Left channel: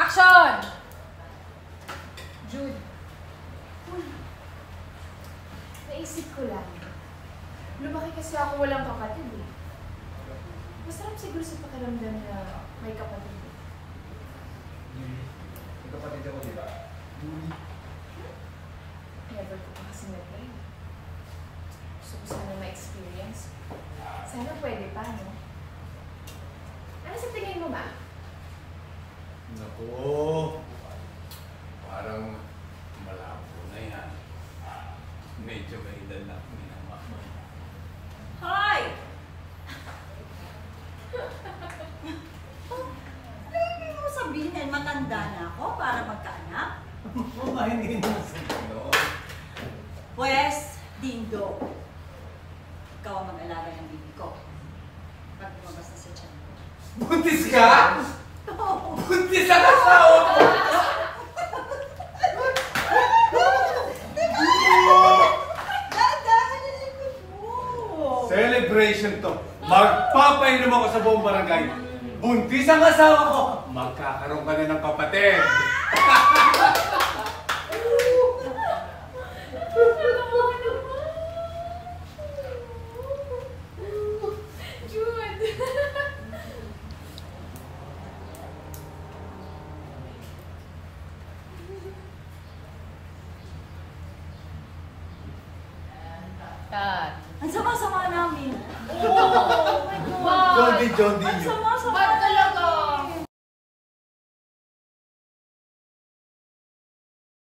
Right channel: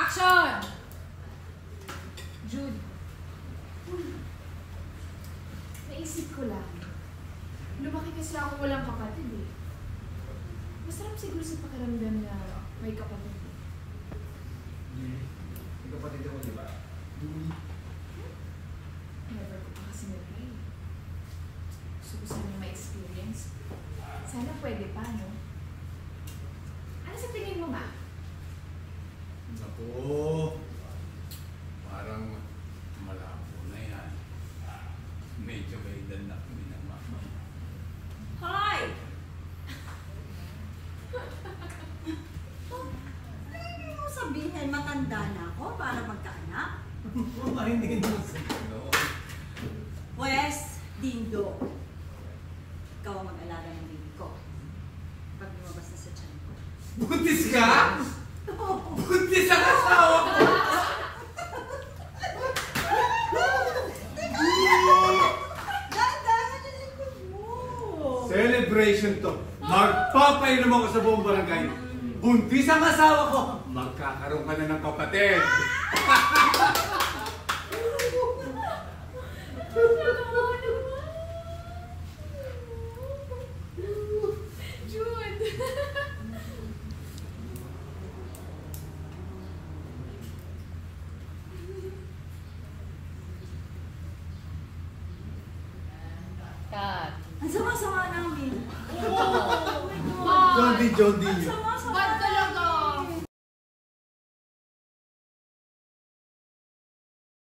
Action! Jude. Uy, naisip ko lang. Lumaki kasi ako walang kapatid eh. Masarap siguro sa pakiramdam na may kapatid eh. May kapatid ako, di ba? Never ko pa kasi nag-play. Gusto ko sana ma-experience. Sana pwede pa, no? Ano sa tingin mo, ma? Naku, parang malabo na yan. Medyo may danak na mama. Hoy! Hindi mo sabihin matanda na ako para magkaanak? Ay, hindi naman sa gano'n. Pwes, Dindo. Ikaw ang mag-alaga ng bibi ko. Pag lumabas na sa tiyan ko. Buntis ka? Oo. Buntis ang asawa ko! Dahan-dahan ang likod mo. Celebration to. Magpapainom ako sa buong barangay. Buntis ang asawa ko. Magkakaroon ka na ng kapatid. Jude! Ang sama-sama namin. Oh my God! John D. Ang sama-sama Ba't ka